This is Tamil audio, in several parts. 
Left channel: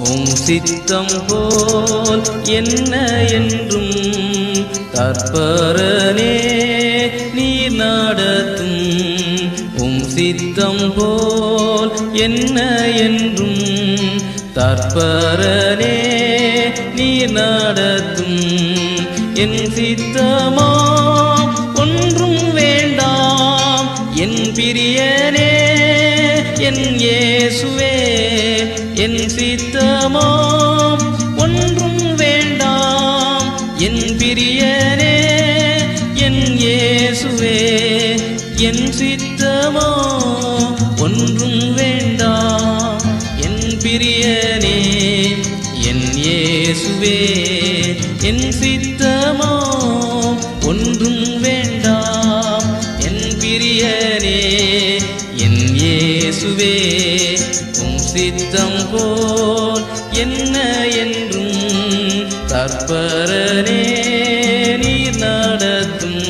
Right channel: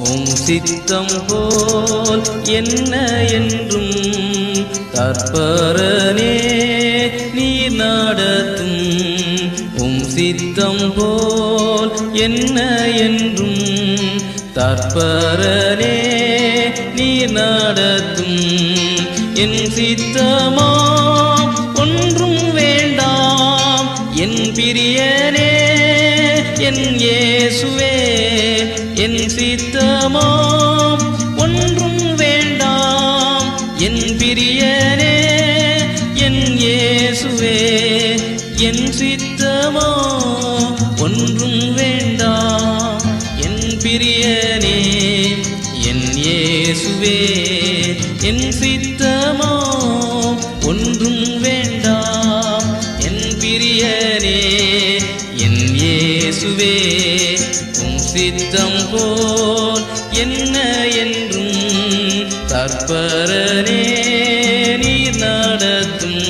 உம் சித்தம் போல் என்ன என்றும் தற்பரனே நீர் நடத்தும். உம் சித்தம் போல் என்ன என்றும் தற்பரனே நீர் நடத்தும். என் சித்தமா ஒன்றும் வேண்டாம் என் பிரியனே என் இயேசுவே. என் சித்தமா ஒன்றும் வேண்டாம் என் பிரியனே என் இயேசுவே. என் சித்தமா ஒன்றும் வேண்டாம் என் பிரியனே என் இயேசுவே. என் சித்தமா ஒன்றும் வேண்டாம் என் பிரியனே என் இயேசுவே. உம் சித்தம் போல் என்ன என்றும் தற்பரனே நீர் நடத்தும்.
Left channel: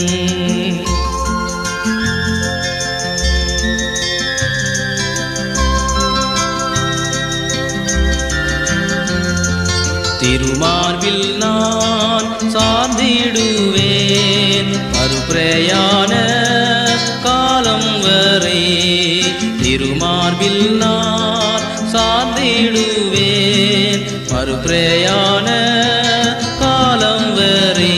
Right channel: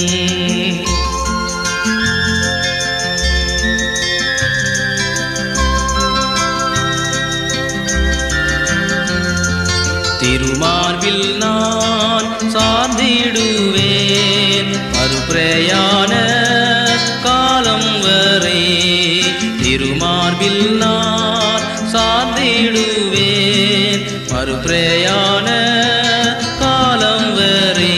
திருமார்பில் நான் சார்ந்திடுவேன் மறுபிரயாண காலம் வரை. திருமார்பில் நான் சார்ந்திடுவேன் மறுபிரயாண காலம் வரை.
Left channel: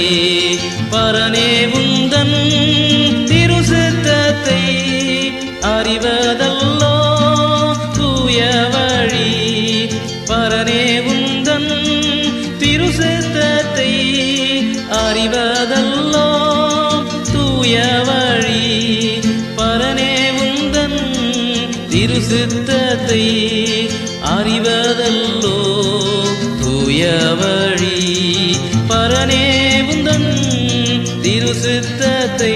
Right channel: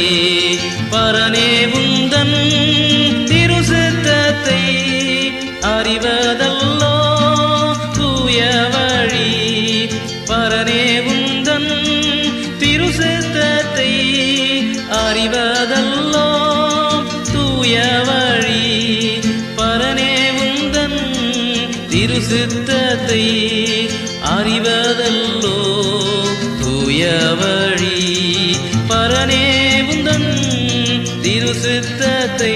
பரனே உந்தன் திருசித்தத்தை அறிவதல்லோ தூய வழி. பரனே உந்தன் திருசித்தத்தை அறிவதல்லோ தூய வழி. பரனே உந்தன் திருசித்தத்தை அறிவதல்லோ தூய வழி. பரனே உந்தன் திருசித்தத்தை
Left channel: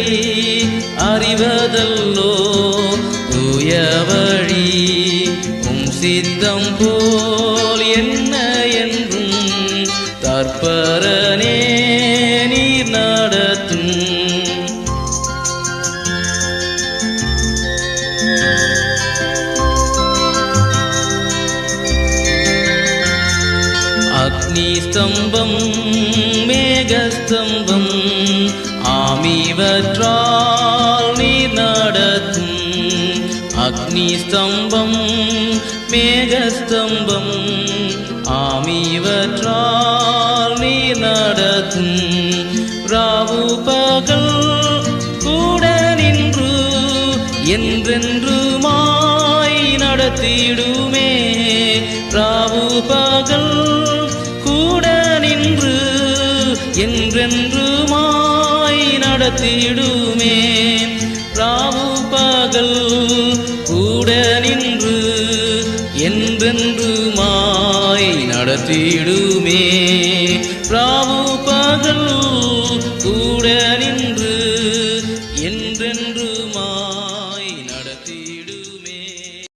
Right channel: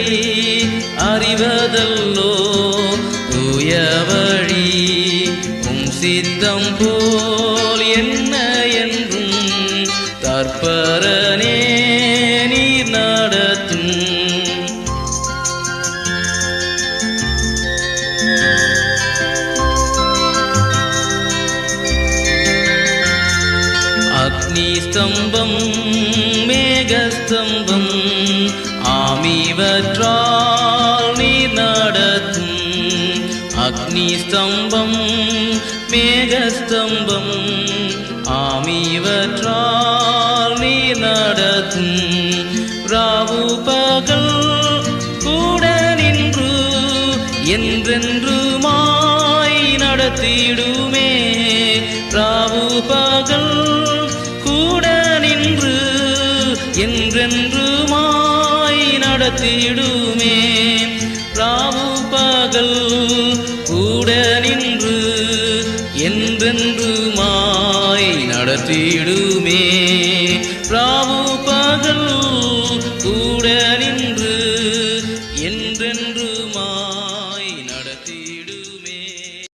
அறிவதல்லோ தூய வழி. உம் சித்தம் போல் என்ன என்றும் தற்பரனே நீர் நடத்தும். அக்னி ஸ்தம்பம் மேகஸ்தம்பம் ஆமிவற்றால் நீர் நடத்தும். அக்னி ஸ்தம்பம் மேகஸ்தம்பம் ஆமிவற்றால் நீர் நடத்தும். ராவு பகல் கூட நின்று என்றென்றுமாய் நடத்திடுமே. ராவு பகல் கூட நின்று என்றென்றுமாய் நடத்திடுமே. ராவு பகல் கூட நின்று என்றென்றுமாய் நடத்திடு.